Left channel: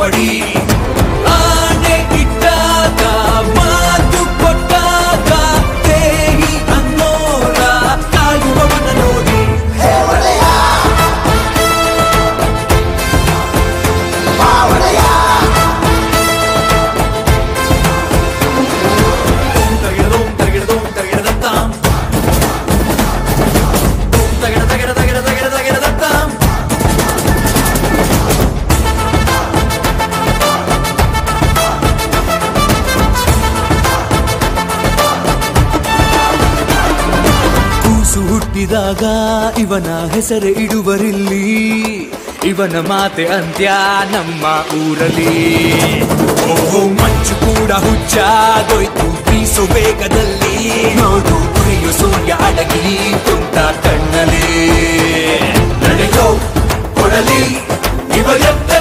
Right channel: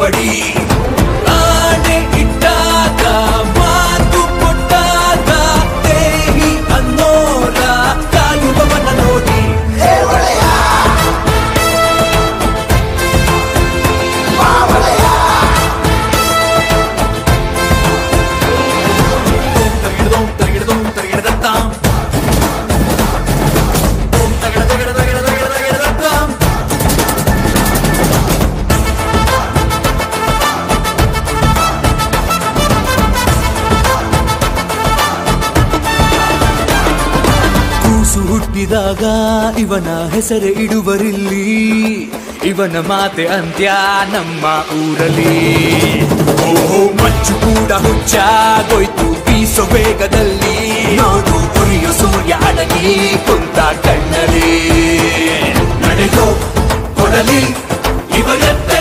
ಸೇರ್ಪಡಿ ಆನೆ ಇಟ್ಟಾಗ ಮಾತು ಕೊಟ್ಟಾಗ ದೇಹಿ ಅನ್ನೋರ ಕಾಯುವವನ ನೋಡಿ ಹುಟ್ಟಿದಾಗ ಇವನ ಹೆಸರೇ ಇಡುವರಿಲ್ಲಿ ಇವನ ಮಾತೆ ಅಂತ್ಯ ನಮ್ಮ ಊರಲ್ಲಿ ಓಹೋ ಮಂಚು ಕೂಡ ಹುಚ್ಚಾಗೋಯ್ತು ಬೀಸೋ ವೇಗದಲ್ಲಿ ನೋಡು ಉರಿಯೋ ಸೂರ್ಯ ಅಡಗಿ ಕುಂತ ಕಣ್ಣಲ್ಲಿ ನಡೆದು ಕೊಡಲಿ ಇವರಂತೆ